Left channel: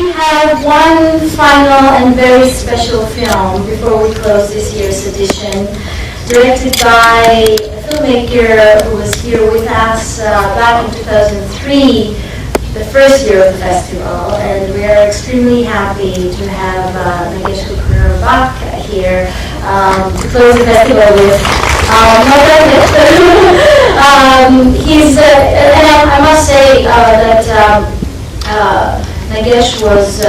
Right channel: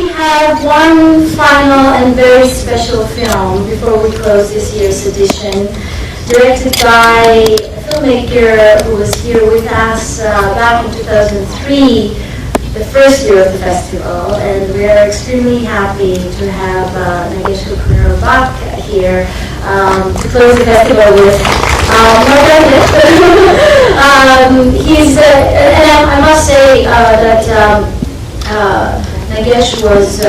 we have one final and very special film before we close this year's edition, directed by a filmmaker who was here with us back in 2003, the first year of the festival, and we are extremely happy to have Nagesh Kukunoor back here to close the festival with. I must say that Nagesh was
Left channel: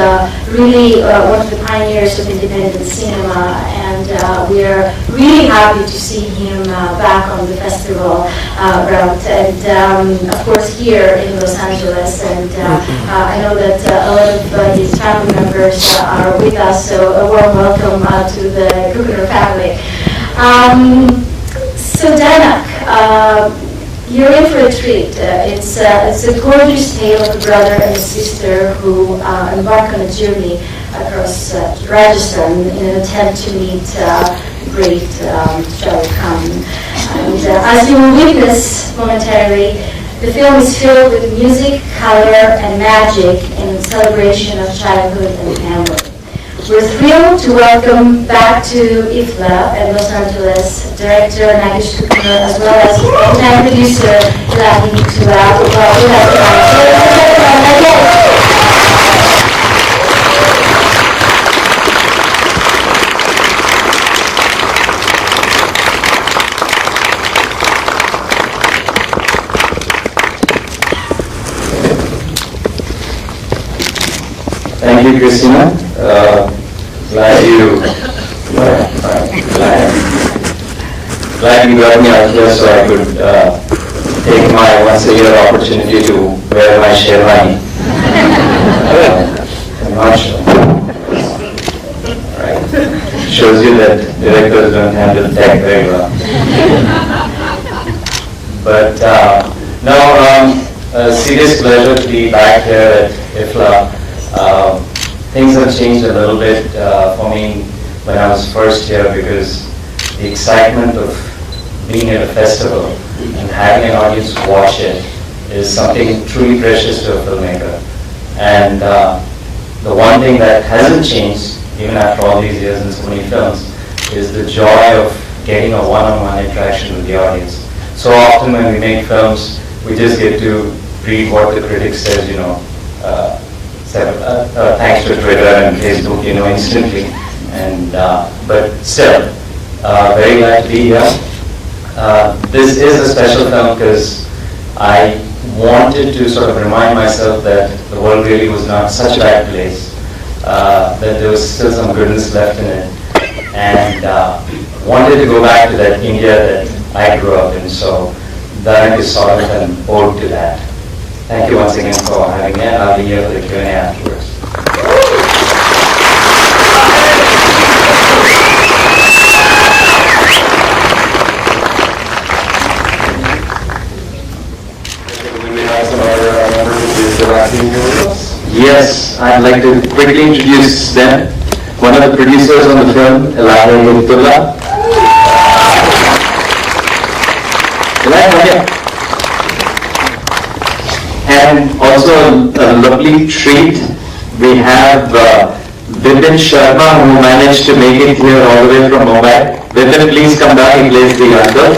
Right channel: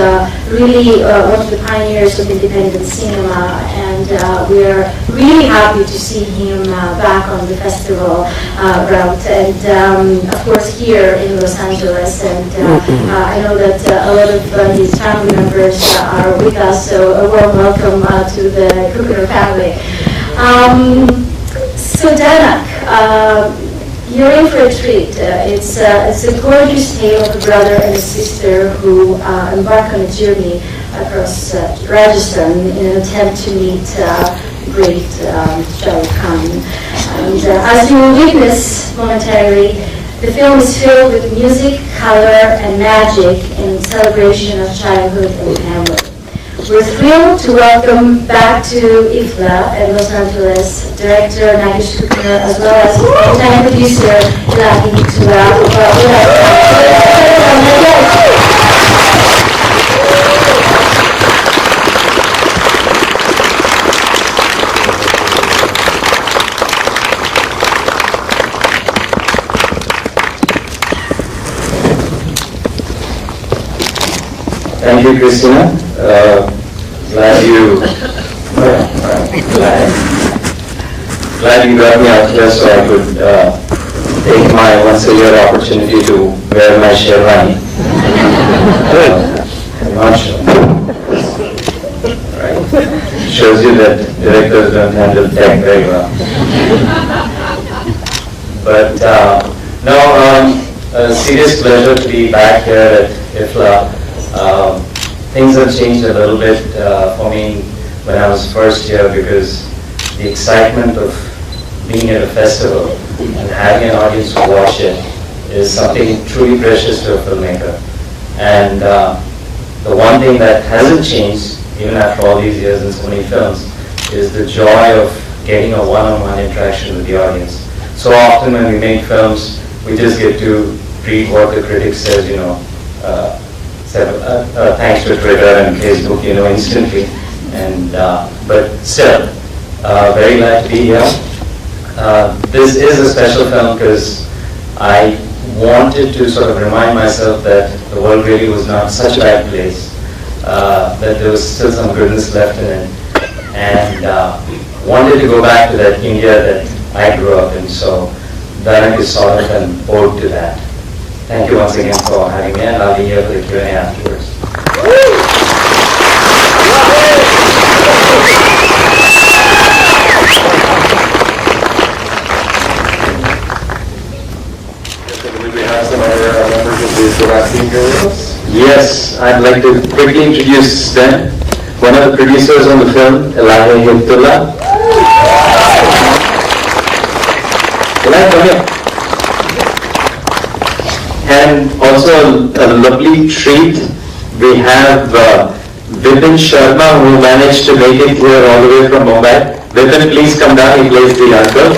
really one of the pioneers of independent cinema, and we are really happy to see him back on the festival route, and of course here in Los Angeles. And I know that a lot of his family members are with us, so a warm welcome to the Kukunoor family. So Dhanak, you're in for a treat. It's a gorgeous tale of a brother and a sister who embark on a journey across Rajasthan in an attempt to meet the great Shah Rukh Khan. And as you will witness momentarily, the film is filled with music, color, and magic in celebration of childhood and family. We're thrilled to welcome back to IFFLA at Los Angeles director Nagesh Kukunoor, as well as longtime producer Elahe Hiptoola. Thank you, Christina. Glad you got me out there so I could take my once-a-year opportunity to wear my sherwani. I'm not sure. Right. Shows you that directors don't handle tech very well. But a serious pleasure to be back here at IFFLA. Things have changed a little bit for me when I was first here, because the excitement of being at a festival and having an audience to watch it is something truly precious to a filmmaker. And the one thing that hasn't changed, even after all these years in so many films, is the joy of getting a one-on-one interaction with the audience. So often when we make films, we just get to read what the critic says, thanks to Twitter and Facebook, instantly. And but still, very glad to be here. This is a special film because I wanted to sort of remind myself that the world really was not such a bad place, that there was still some goodness left in it, and wanted to go back to that India that I grew up in. So Dhanak is sort of an ode to that. Thank you once again for having me, and I'll be here for the Q&A afterwards. We have some other members of the directing here with us. Yes, I'd like to quickly introduce them. One of the producers on the film, Elahe Hiptoola. Elahe, come here. And also a lovely treat, we have Vipin Sharma, who managed to make it here all the way from Mumbai. Vipin, please come down, he plays the uncle.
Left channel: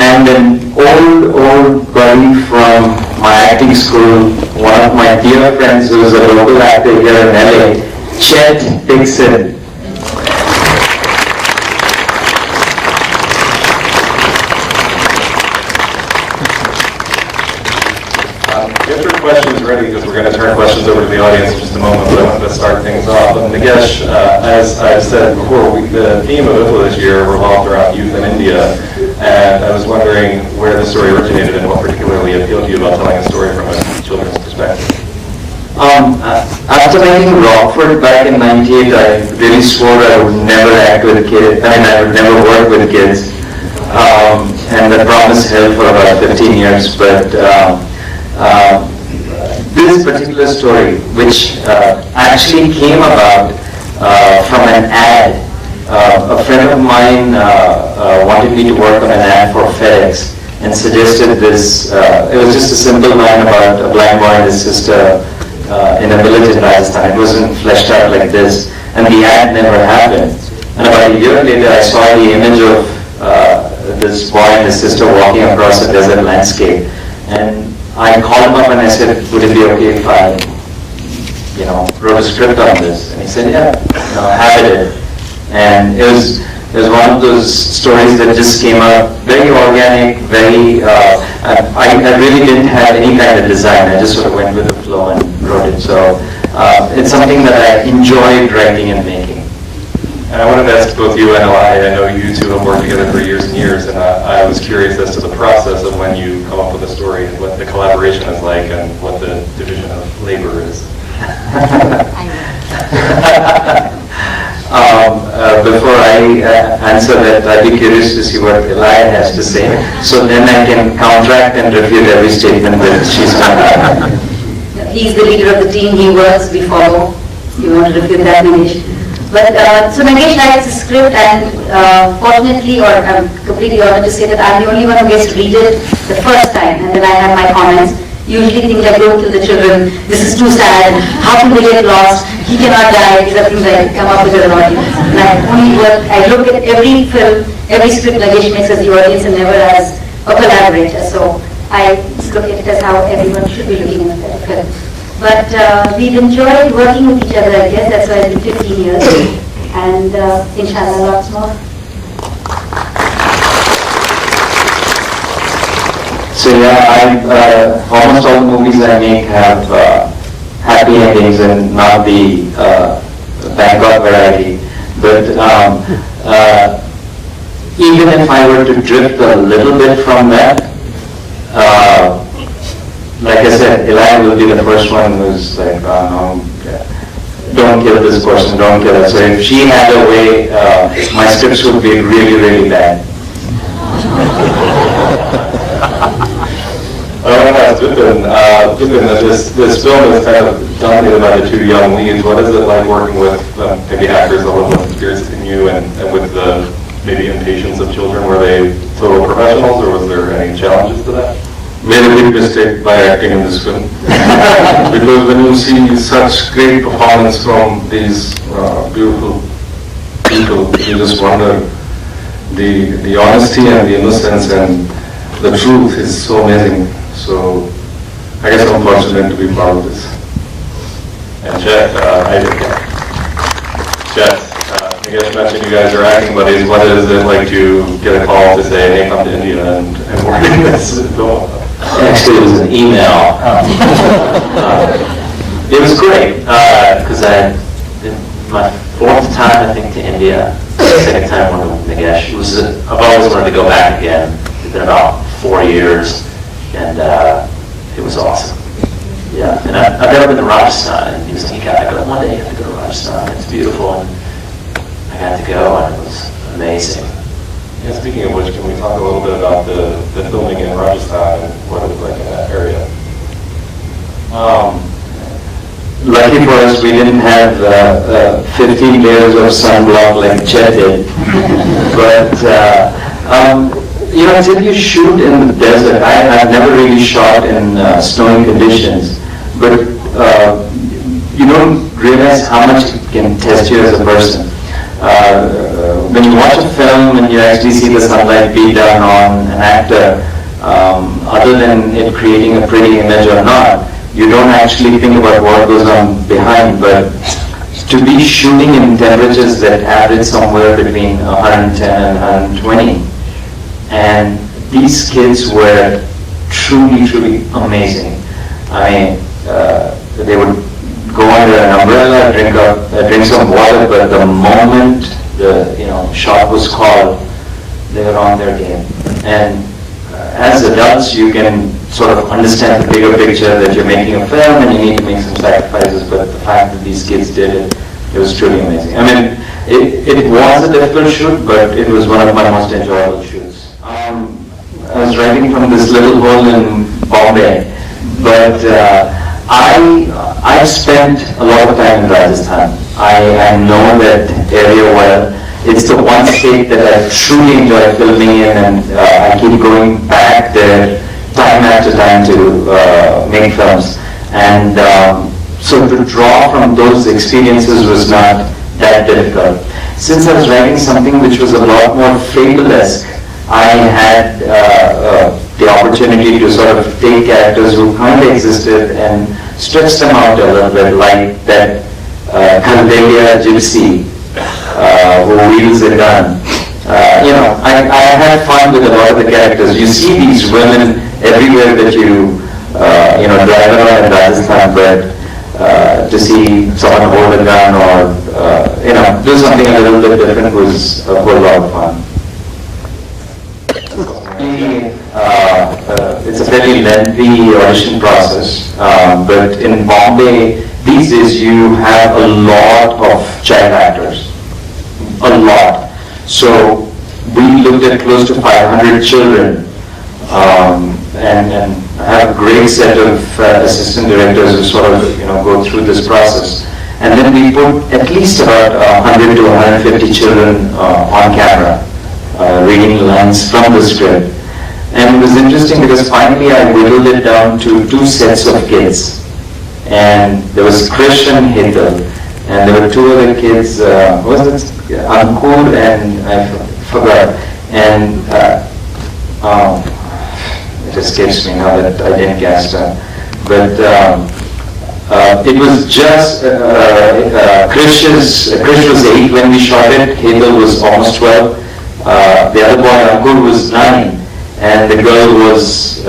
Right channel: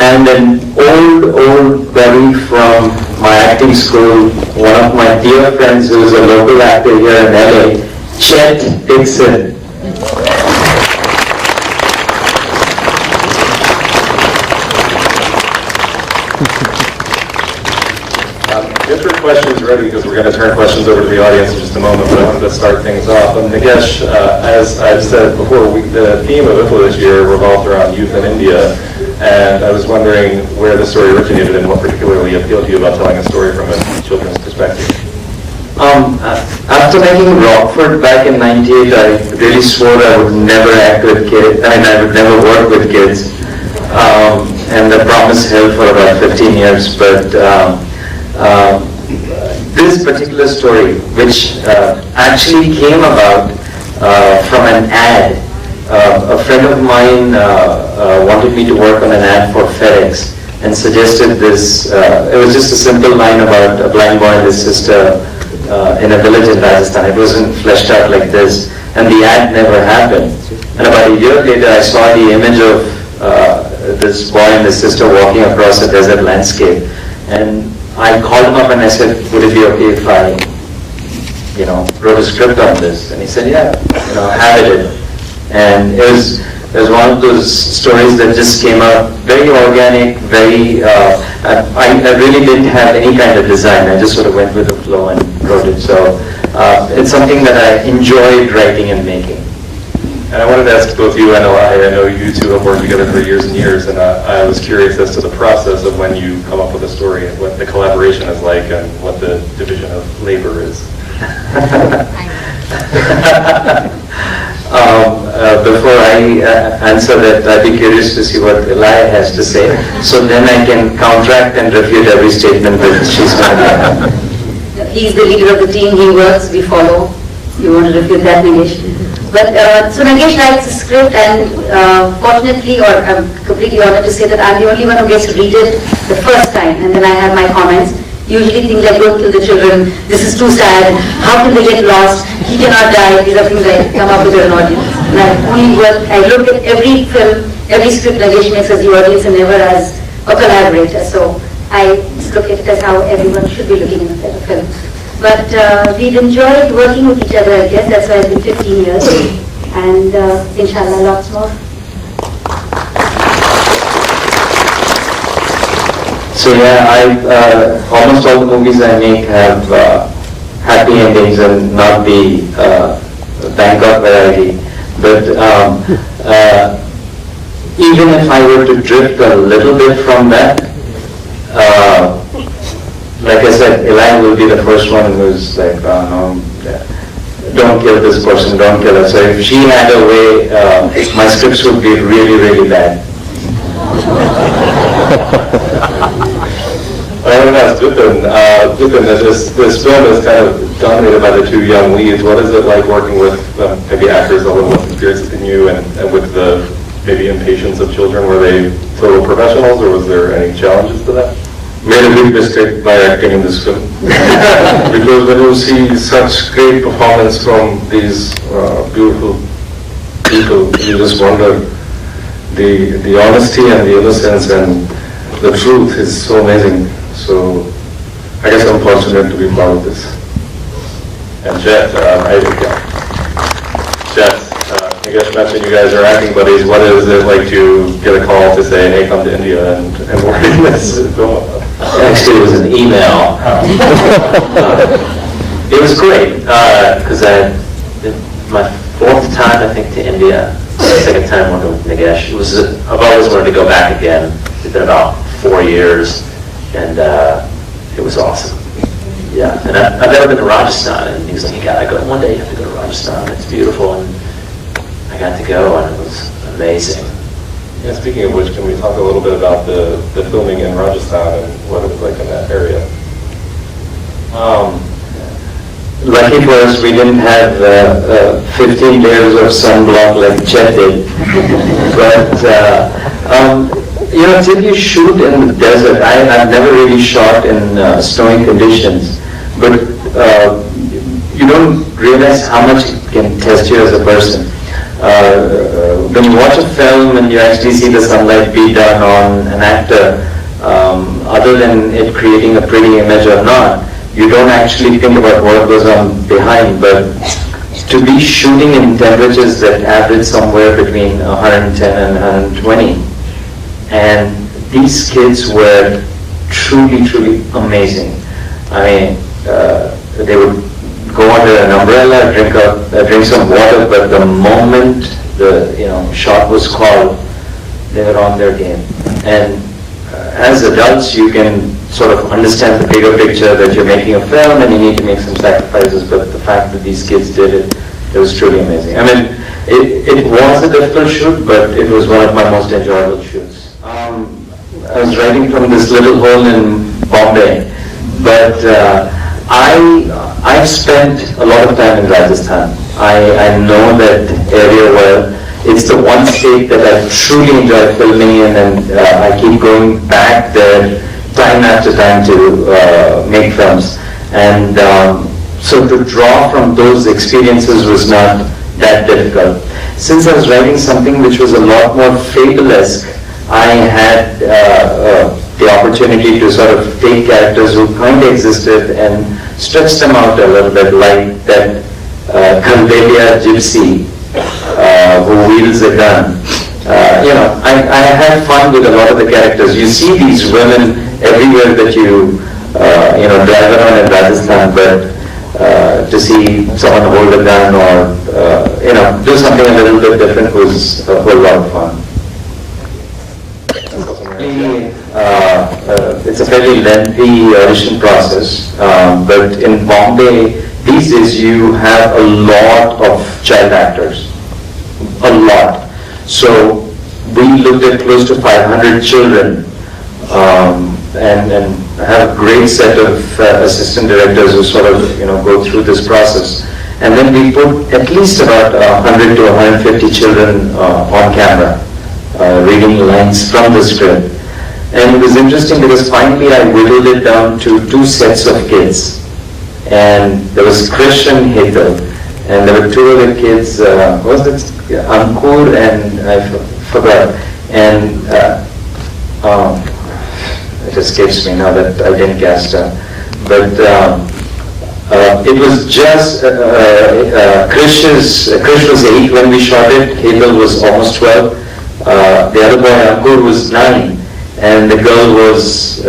And an old buddy from my acting school, one of my dear friends who is a local actor here in LA, Chet, Dixon. Different questions ready, because we're going to turn questions over to the audience in just a moment, but I wanted to start things off. And Nagesh, as I've said before, the theme of IFFLA this year revolved around youth in India, and I was wondering where the story originated and what particularly appealed to you about telling a story from a children's perspective. After making Rockford back in '98, I really swore I would never act with kids. I would never work with kids, and the promise held for about 15 years. But this particular story, which actually came about from an ad a friend of mine wanted me to work on an ad for FedEx and suggested this. It was just a simple line about a blind boy and his sister in a village in Rajasthan. It wasn't fleshed out like this, and the ad never happened. And about a year later, I saw the image of this boy and his sister walking across a desert landscape, and I called him up and I said, would it be okay if I, wrote a script on this? And he said, yeah, have it. And it was one of those stories that just came out very organic, very, I really didn't have any kind of design. I just sort of went with the flow and wrote it. So it's something that I enjoyed writing and making. And I wanted to ask both you and Elahe, I know you two have worked together for years and years, and I was curious as to the process of when you come up with a story and what the collaboration is like and what the division of labor is. Before I answer that, I'd be curious to see what Elahe has to say, so then I can counteract and refute every statement that she's done. He's the leader of the team, he works, we follow. You want to refute that, Nagesh? But, so Nagesh writes a script, and fortunately, or I'm completely honored to say that I'm the only one who gets to read it the first time, and then I have my comments. Usually things like, don't kill the children, this is too sad, how can they get lost, he cannot die, these are things I come up with an audience. And I look at every film, every script Nagesh makes as the audience and never as a collaborator. So I just look at it as how everyone should be looking at a film. But we've enjoyed working with each other, I guess, that's why it's been 15 years. And inshallah, lots more. So yeah, almost all the movies I make have happy endings and not the Bangkok variety. But even if I were to drift a little bit from that, like I said, Elahe will be the first one who's like, don't kill this person, don't kill her. So if she had a way, my scripts would be really, really bad. Vipin, this film is kind of dominated by the two young leads. What is it like working with maybe actors a little less experienced than you and with the maybe impatience of children? Were they total professionals or was there any challenges to that? Made a big mistake by acting in this film. Because when you see such great performance from these beautiful people, you just wonder the honesty and the innocence and the truth is so amazing. So I guess I'm fortunate to be part of this. And Chet, Nagesh mentioned you guys are acting buddies. What is it like to get a call to say, hey, come to India and work in this film? Actually, it was an email. It was great, because my fourth time, I think, to India, second time I went to Nagesh. I've always wanted to go back again. It's been about 4 years, and it was awesome. Yeah, and I've never been to Rajasthan, and he was like, you gotta go, one day you have to go to Rajasthan, it's beautiful, and I got to go, and it was amazing. Yeah, speaking of which, can we talk a little bit about the filming in Rajasthan and what it was like in that area? Lucky for us, we didn't have 15 layers of sunblock like Chet did. But, till you shoot in the desert, I've never really shot in snowy conditions, but you don't realize how much it can test you as a person. When you watch a film and you actually see the sunlight beat down on an actor, other than it creating a pretty image or not, you don't actually think about what goes on behind. But to be shooting in temperatures that average somewhere between 110 and 120, and these kids were truly, truly amazing. I mean, they would go under an umbrella, drink some water, but the moment the shot was called, they were on their game. And as adults, you can sort of understand the bigger picture that you're making a film and you need to make some sacrifices, but the fact that these kids did it, it was truly amazing. I mean, it was a difficult shoot, but it was one of my most enjoyable shoots. I was writing from this little hole in Bombay, but I spent a lot of time in Rajasthan. I know that area well. it's the one state that I truly enjoy filming in, and I keep going back there time after time to make films. And so to draw from those experiences was not that difficult. Since I was writing something which was a lot more fable-esque, I had the opportunity to sort of take characters who kind of existed and stretch them out a little bit, like that Chaldelia gypsy who wields a gun. I had fun with a lot of the characters. You see these women everywhere that you drive around in Rajasthan, but to see someone hold a gun or do something a little bit different was a whole lot of fun. It's a very lengthy audition process, but in Bombay these days you have a lot of child actors, a lot. So we looked at close to 500 children, and have a great set of assistant directors who sort of go through this process. And then we put at least about 100 to 150 children on camera, reading lines from the script. And it was interesting because finally I whittled it down to 2 sets of kids. And there was Krish and Hetal, and there were 2 other kids, what was it? Ankur and I forgot. And it escapes me now that I didn't cast her. But it was just, Krish was 8 when we shot it, Hetal was almost 12. The other boy, Ankur, was 9. And the girl was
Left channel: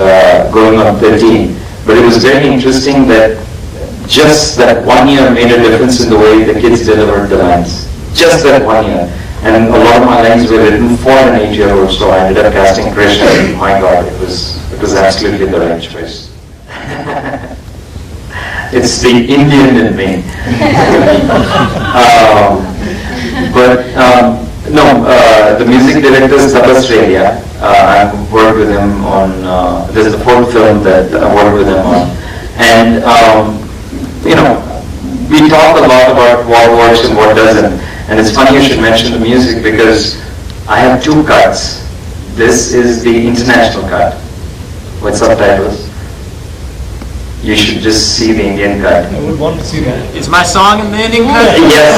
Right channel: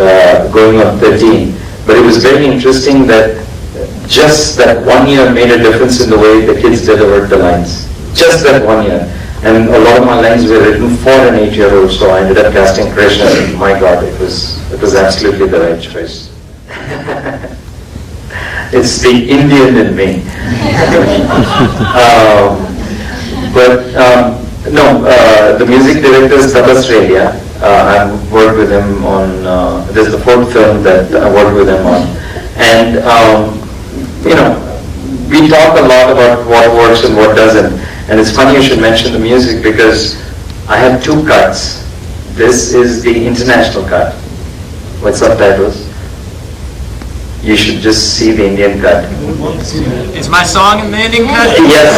going on 13. But it was very interesting that just that 1 year made a difference in the way the kids delivered the lines. Just that 1 year. And a lot of my lines were written for an 8-year-old, so I ended up casting Krishna, and my God, it was absolutely the right choice. It's the Indian in me. The music director is Australia. I've worked with him on, this is the 4th film that I worked with him on. And, we talk a lot about what works and what doesn't. And it's funny you should mention the music because I have 2 cuts. This is the international cut with subtitles. You should just see the Indian cut. I would want to see that. Is my song in the Indian cut? Yes.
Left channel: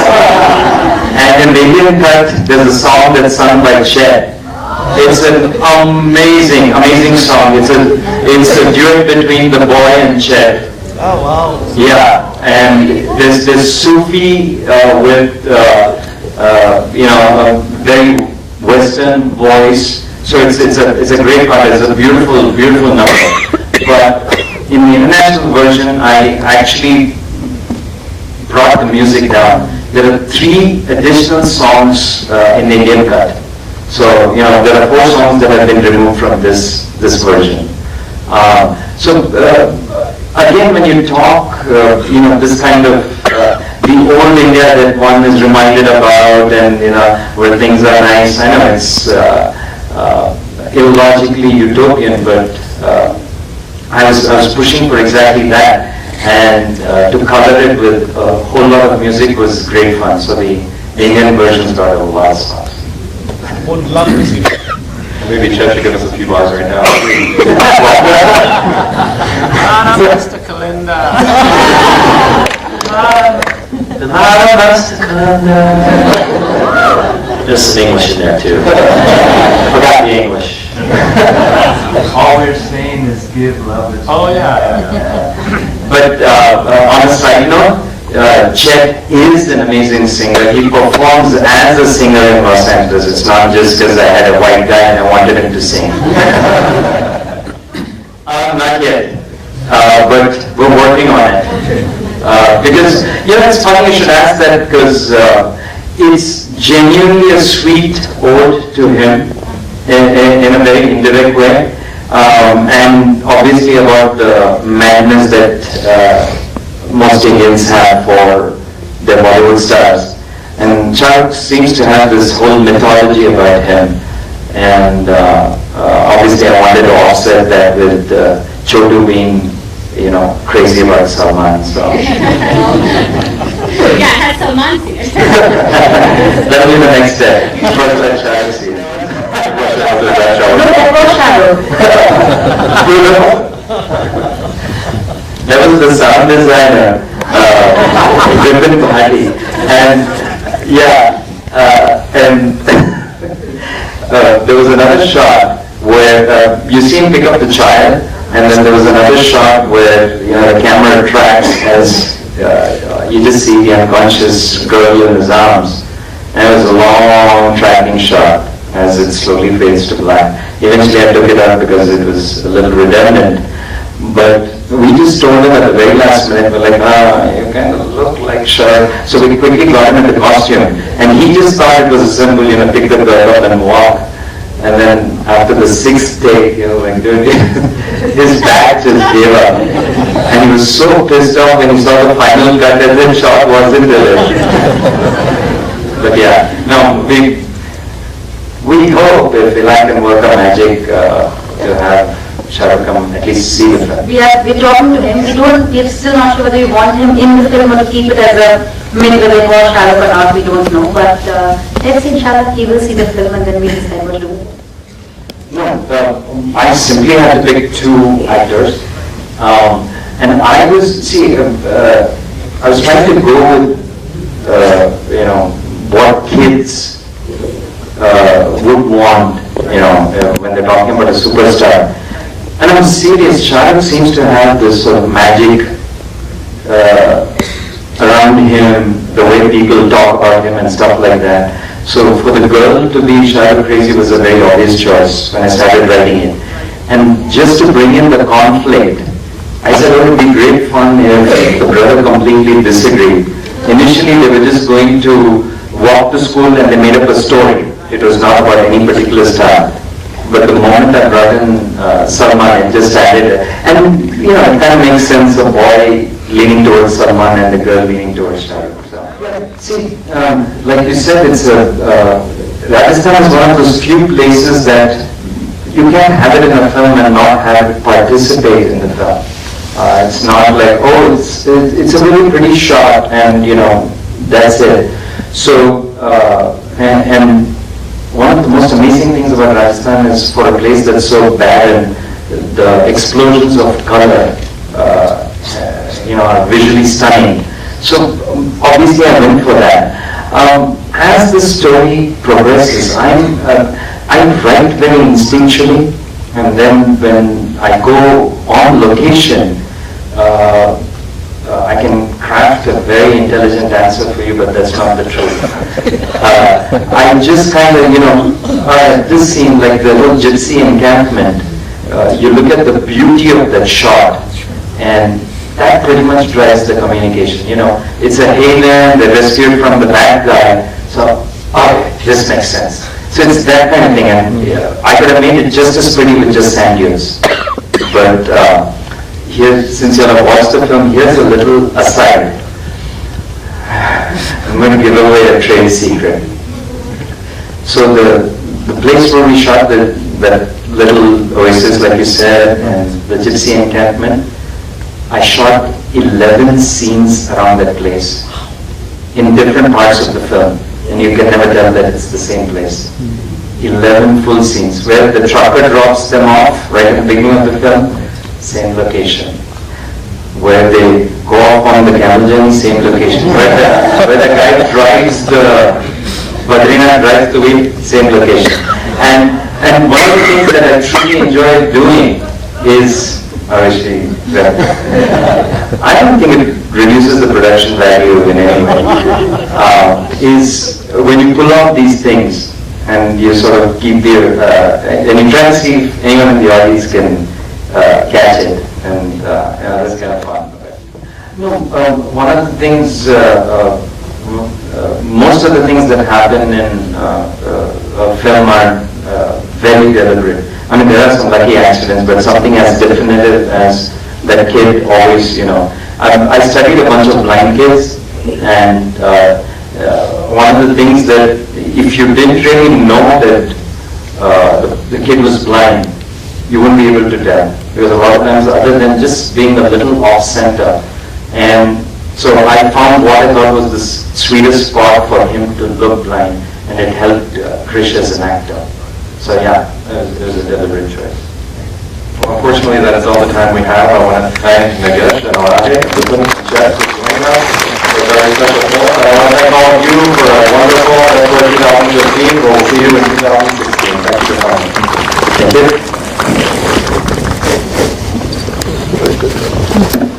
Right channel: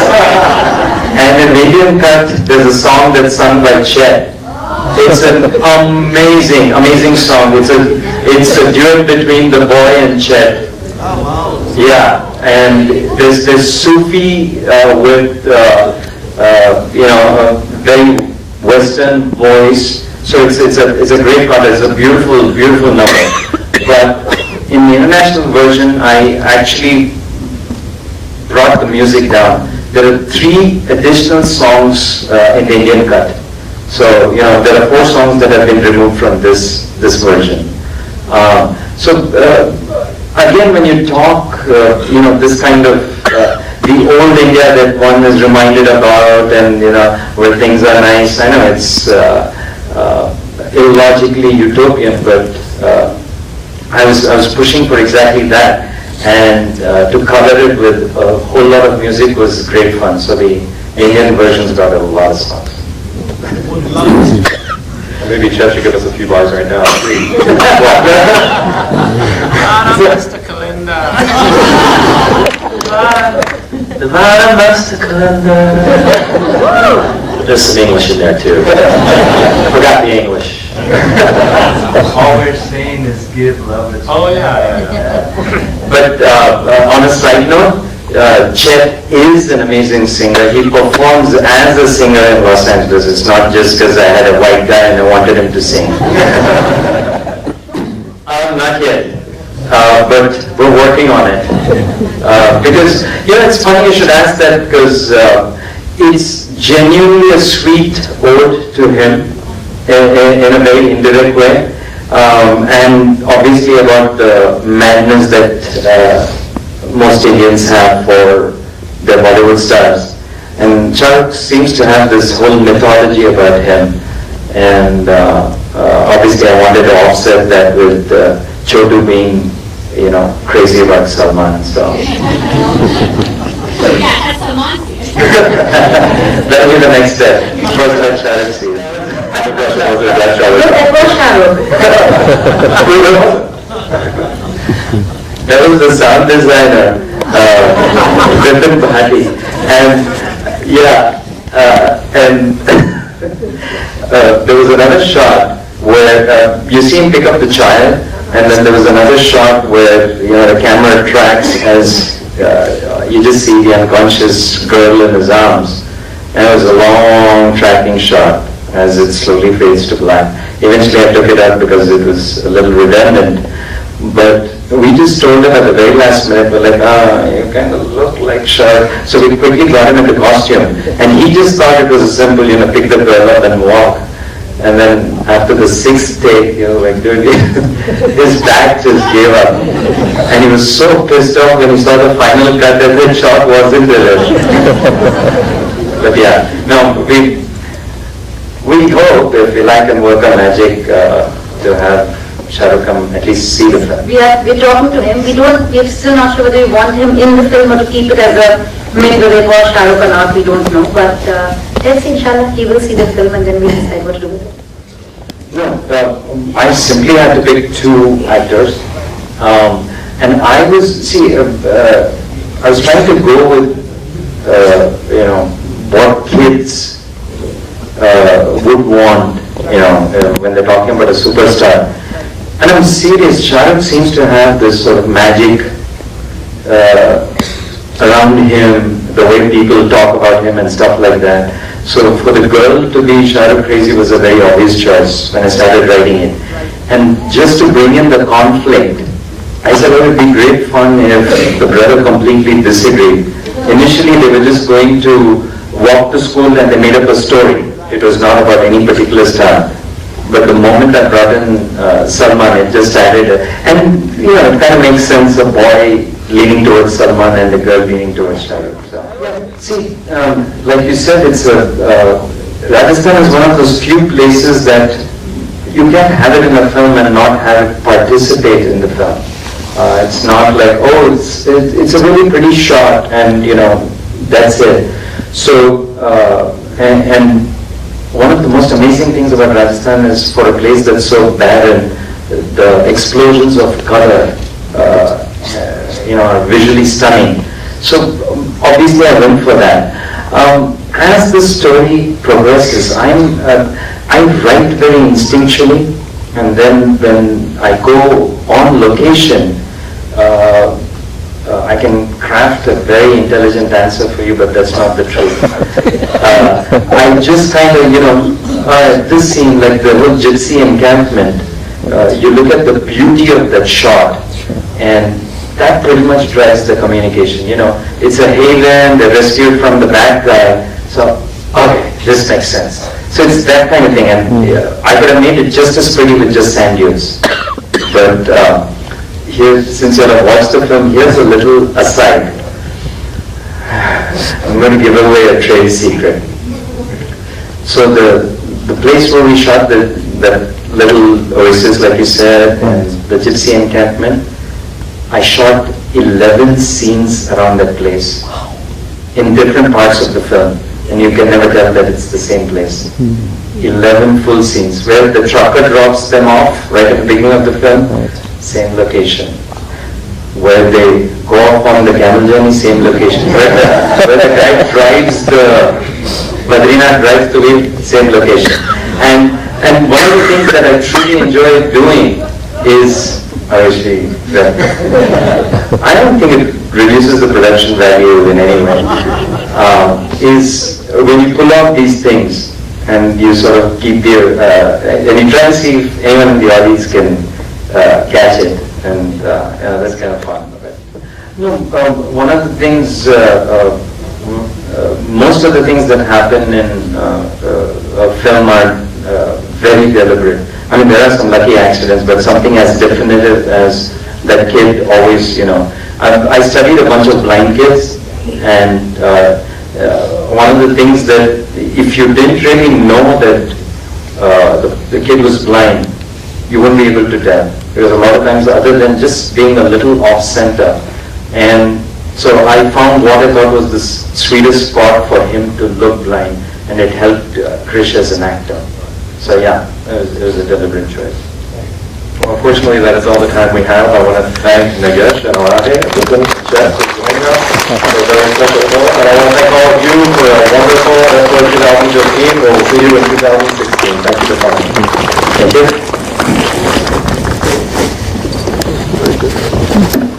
And in the Indian cut, there's a song that's sung by Chet. It's an amazing song. It's a duet between the boy and Chet. Oh wow! Yeah, and there's Sufi with a very Western voice. So it's a great part. It's a beautiful number. But in the international version, I actually brought the music down. There are 3 additional songs in the Indian cut. So there are 4 songs that have been removed from this version. Again, when you talk, this kind of the old India that one is reminded about, and where things are nice. I know it's illogically utopian, but I was pushing for exactly that, and to color it with a whole lot of music was great fun. So the Indian versions got a lot of songs. Would love to see. Maybe Chet should give us a few bars right now. Mr. Kalinda. There's some English in there too. I forgot the English. All we're saying is give love. Oh yeah. But on a side note, Chet is an amazing singer. He performs as a singer in Los Angeles. It's not just because I had a white guy and I wanted him to sing. Not yet. But we're working on it. Because, it's funny you should ask that because it's genuinely a sweet ode to him in a very indirect way. And obviously about the madness that most Indians have for their Bollywood stars. And Chuck seems to have this whole mythology about him. And obviously I wanted to offset that with Chotu being, crazy about Salman. So. Yeah, Salman. That'll be the next step. First let Shahrukh see. Look at what Shahrukh. That was the sound designer, Vipin, and there was another shot where you see him pick up the child, and then there was another shot where the camera tracks as you just see the unconscious girl in his arms, and it was a long tracking shot as it slowly fades to black. Eventually I took it out because it was a little redundant, but we just told him at the very last minute, we're like, you kind of look like Shar. So we quickly got him into costume, and he just thought it was a simple, pick the girl up and walk. And then after the sixth take, like, dude, his back just gave up. And he was so pissed off when he saw the final cut that the shot wasn't there. But yeah, no, we hope if Elahe can work on magic to have Shahrukh come at least see the film. We're talking to him. We're still not sure whether we want him in the film or to keep it as a mini where they call Shahrukh or not, we don't know. But let's see, inshallah, he will see the film and then we'll decide what to do with it. No, I simply had to pick two actors. And I was trying to go with, what kids would want, when they're talking about a superstar. And I'm serious, Shahrukh seems to have this sort of magic around him, the way people talk about him and stuff like that. So for the girl to be Shahrukh crazy was a very obvious choice when I started writing it. And just to bring in the conflict, I said, it would be great fun if the brother completely disagreed. Initially they were just going to walk to school and they made up a story. It was not about any particular star. But the moment I brought in Salman, it just added, and it kind of makes sense, the boy leaning towards Salman and the girl leaning towards Shahrukh. So, see, like you said, it's Rajasthan is one of those few places that you can't have it in a film and not have it participate in the film. It's not like, it's a really pretty shot and that's it. So, and one of the most amazing things about Rajasthan is for a place that's so barren, the explosions of color, are visually stunning. So obviously I went for that. As the story progresses, I write very instinctually, and then when I go on location, I can craft a very intelligent answer for you, but that's not the truth. I just kind of, this scene, like the whole gypsy encampment, you look at the beauty of that shot, and that pretty much drives the communication. It's a haven, they're rescued from the bad guy, so, okay, this makes sense. So it's that kind of thing, and I could have made it just as pretty with just sand dunes. But here, since you have watched the film, here's a little aside. I'm going to give away a trade secret. So the place where we shot that little oasis, like you said, and the gypsy encampment, I shot 11 scenes around that place in different parts of the film, and you can never tell that it's the same place. 11 full scenes where the chopper drops them off right at the beginning of the film, same location. Where they go off on the camel journey, same location. Where the guy drives Badrinath drives the wheel, same location. And one of the things that I truly enjoy doing is, I don't think it reduces the production value in any way, is when you pull off these things and you sort of keep and you try to see if anyone in the audience can catch it, and that's kind of fun. One of the things, most of the things that happen in a film are very deliberate. I mean, there are some lucky accidents, but something as definitive as that kid always, I studied a bunch of blind kids, and one of the things that if you didn't really know that the kid was blind, you wouldn't be able to tell. Because a lot of times, other than just being a little off-center, and so I found what I thought was this sweetest spot for him to look blind, and it helped Krish as an actor. So yeah, it was a deliberate choice. Well, unfortunately, that is all the time we have. I want to thank Nagesh and Elahe, Vipin, and Chet for joining us for a very special film. And I want to thank all of you for a wonderful IFFLA 2015. We'll see you in 2016. Thank you for coming. Thank you. Very good.